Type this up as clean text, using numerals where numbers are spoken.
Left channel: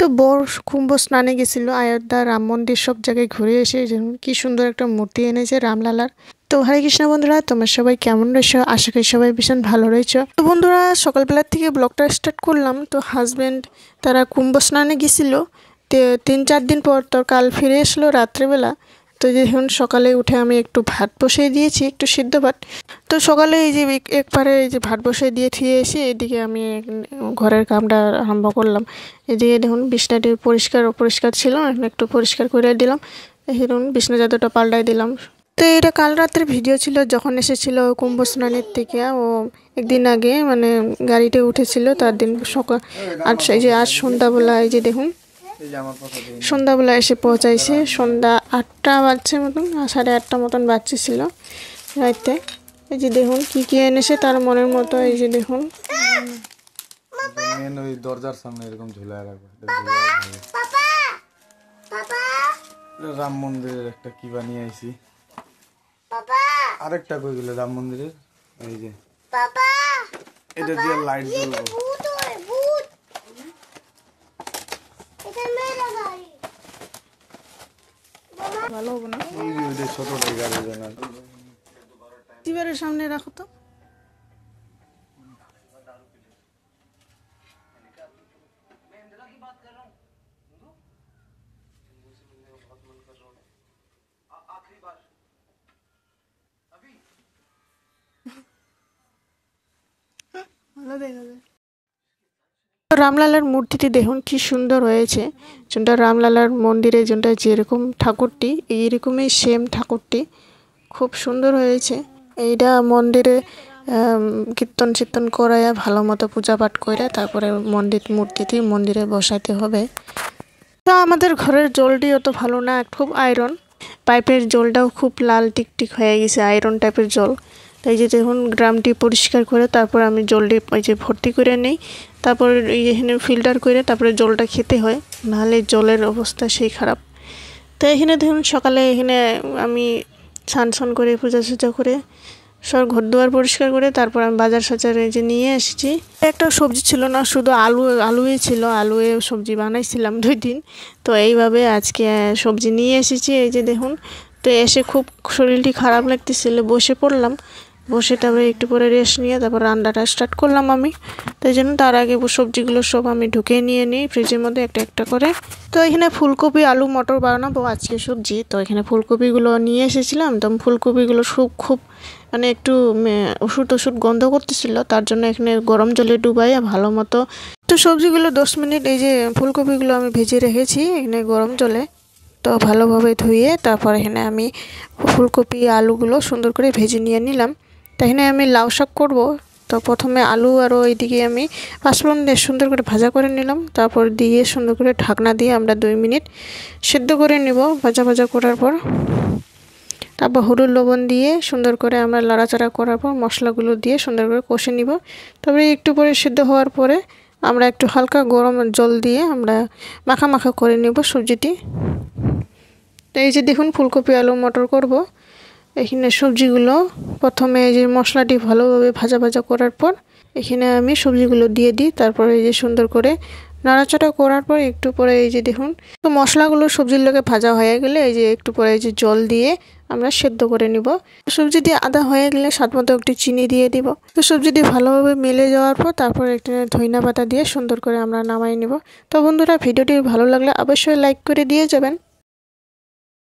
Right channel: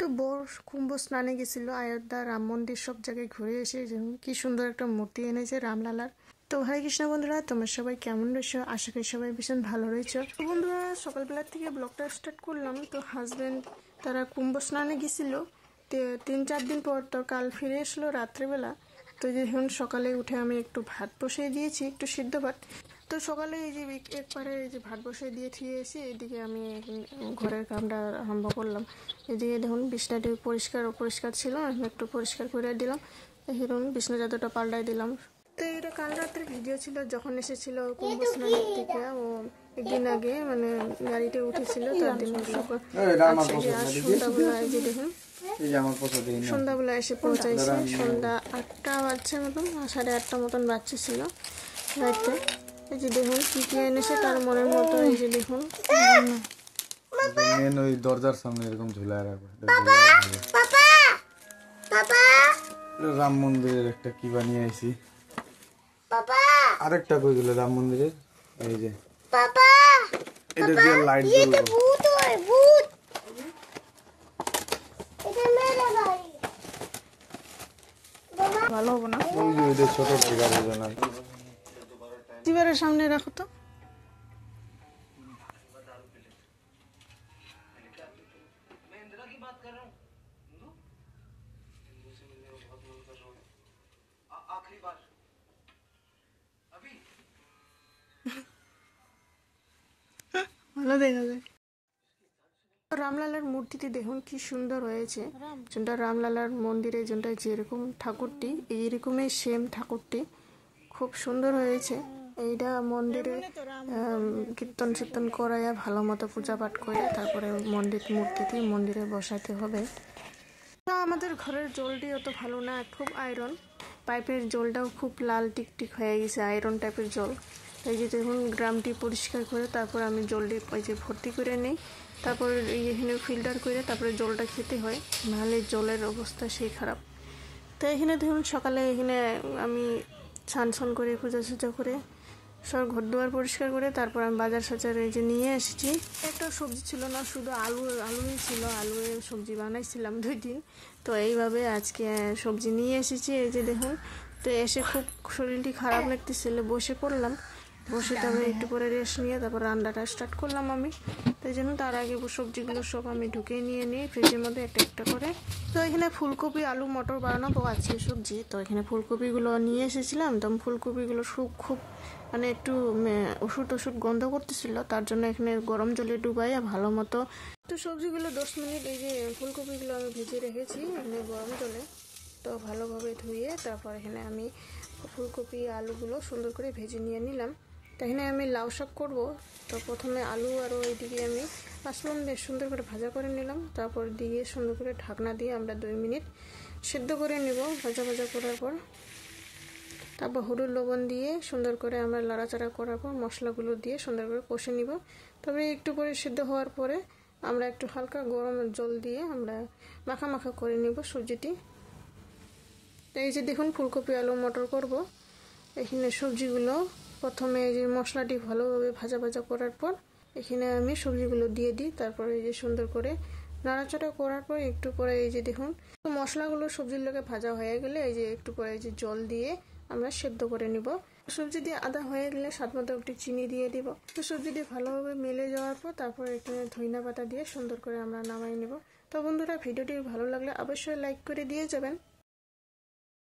তো বর কুম্ভ স্নানে গেছিল অযোধ্যা রাম মন্দির সব জায়গায় ঘুরে এসে কি সুন্দর একটা মূর্তি এনেছে রামলালার। তো হরে কৃষ্ণ বন্ধুরা, তোমরা সবাই কেমন রয়েছো? আশা করি সবাই ভীষণ ভালো রয়েছো। তো বন্ধুরা, সকালবেলার থেকে ব্লগটা স্টার্ট করলাম। তো হাজব্যান্ড তারা কুম্ভ স্নানে গেছিলো, 3-4 দিন পর তো কাল ফিরে আসলো রাত্রেবেলা। তো দেখুন সকালে উঠে আমি একটু ভাত বসিয়ে দিয়েছি, একটু সিদ্ধ ভাত। তো সকালে এই যে একবারে এই যে ভাত বসিয়ে দিয়ে থুয়ে এসে এদিকে আমি ঘরের কামটা আরম্ভ করলাম। এদিকে দেখুন বিছনাটি পরিষ্কার ছিল, একটু পরিষ্কার করে দিলাম। দেখুন বিছনা চাদরটা পাল্টাই দিলাম। তো এটা কাল রাতের ভিডিও ছিল, যখন এসেছিল কুম্ভ স্নানের থেকে। ও একদিন আগে মানে গাড়িতে উঠেছিল, তার দিন সকাল এই যে আজ সন্ধ্যাবেলা এই যে দেখুন সন্ধ্যাবেলা এসে পৌঁছাইছে। সন্ধ্যা 8টা বাজছে মতন, 8:30 মতন বাজছিল রাইতে। এই যে দেখুন কি কি এনেছে তার মনের মতো। এই যে দেখুন ওই দরজার সামনে এরকম ঝুলায় রাখবে। রাম মন্দিরের একটা কি বানিয়ে আইছি। আরেকটা কই গেল রাম মন্দিরের? এই যে এটা দিয়ে লাইট জ্বলবে। ভালো হবে না, ছোট টিভির সামনে রাখো তো। ভালো দেখা যায়। রামলালার মূর্তিটি দেখুন কি সুন্দর হয়েছে। যেটা রামলালার মন্দিরে যেটা যেরকম ঠাকুরটি, এইরকমই সেম ঠাকুরটি খুব সুন্দর হয়েছে। এইটা মন্দিরে কীর্তন করাইয়া ভালো মতো পূজা পাঠ করে তারপরে মূর্তিটি মন্দিরে বসাতে হবে। তো আমাদের ঘরের জলটি অত ভালো না, খুব আয়রন। পাইপের জলটাও খুব লাল টিকটিক হয়ে গেছে, আয়রন টাইপের জল। তাই যে দেখুন গ্রামটি পরিষ্কার করে তারপর আমি জলটি ওই যে ভর্তি করে নেই, তারপর এখানে ফিল্টার করে তারপরে জলটা খেতে হয়, নাহলে জলের অবস্থা সেই খারাপ। তো এখানে দেখুন সকালে এখানে আমি স্নান করে পূজা করে সব ঘর দুয়ার পরিষ্কার করে তারপর আমি বাজার এই যে নিয়ে এসেছি। একটা সবজি ছিল না, শুধু আলুই ছিল। আলুয়ে সবজি বানাইছিলাম 2 দিন। তো এইভাবে আজকে সবজি নিয়ে এসেছি। এই যে দেখুন, তো এসে খুব শরীরটি খারাপ লাগতেছিল, বসে পড়লাম। বসে তারপরে একটু পরে রেস্ট নিয়ে তারপর রান্নাটা স্টার্ট করলাম আমি। তাই জন্য তার আগে সবজিগুলো সব আমি ঢুকে নিয়ে নিই ফ্রিজের মধ্যে একটা একটা করে। তো এখানে ফুলকপি আলু মটর বানাবো আজকে সবজি। তো এখানে ফুলকপিগুলো নিয়ে এসেছিলাম। তো ফুলকপিগুলো খুব মানে একটু ওষুধ গন্ধ করতেছিল, তার জন্য এখানে গরম জলে ডুবাইয়া ভালো মতো। তো সবজিগুলো 10 মিনিট এই যে ফুলকপিগুলো আমি ভেজে রেখেছি এখানে গরম জলে। তো ভালোভাবে ধুয়ে তারপর এখানে আমি ফুলকপি আলুগুলো সুন্দর করে ভেজে নিয়ে নিলাম। তো এখানে আমি লাউ শাক করবো। তো প্রথমে আলু আর এইদিকে আমি পাঁচফোড়ন দিয়ে সুন্দর করে ভাজা করে নিলাম। তারপর দিয়ে সুন্দর করে ঢাকনা দিয়ে আমরা 2 মিনিট সেদ্ধ করে নেব। ভাজা করার পর তারপর হলুদ লবণ দিয়ে সুন্দর করে আমরা লাড়াচাড়া করার পর মশলাগুলো দিয়ে সুন্দর করে কষে নিব। তবে একটু পরে সিদ্ধ হওয়ার পরে আমরা একটু হালকা গরম জল দিয়ে আমরা মাখা করে নেব সবজিটি। তো এই যে দেখুন ফুলকপি আলু মটর করব। এখানে সবজিগুলো প্রথমে এই যে মশলাটি ভালোভাবে ভাজা করার পর এখানে আমি সবজিগুলো দিয়ে দিই। তারপরে এই যে সুন্দর করে নাড়াচাড়া করার পর একটু পরে এই যে দেখুন, তো মশলাগুলো সবজির লগে ভাজা হয়ে গেলে এই যে একটু পরে এই যে জল দিয়ে আমরা সেদ্ধ করে নিব। সবজি দিয়ে আদা হয়ে গেলে স্বাদমতো একটু চিনি দিয়ে দিব। তো সবজিটি ভালোভাবে মিলে যাওয়ার পর তারপর একটা ধইনা পাতা দিয়ে সুন্দর করে আমরা নামাই নিব। তো বন্ধুরা, ভিডিওটি ভালো লাগলে অবশ্যই লাইক করে দিয়ে যাবেন।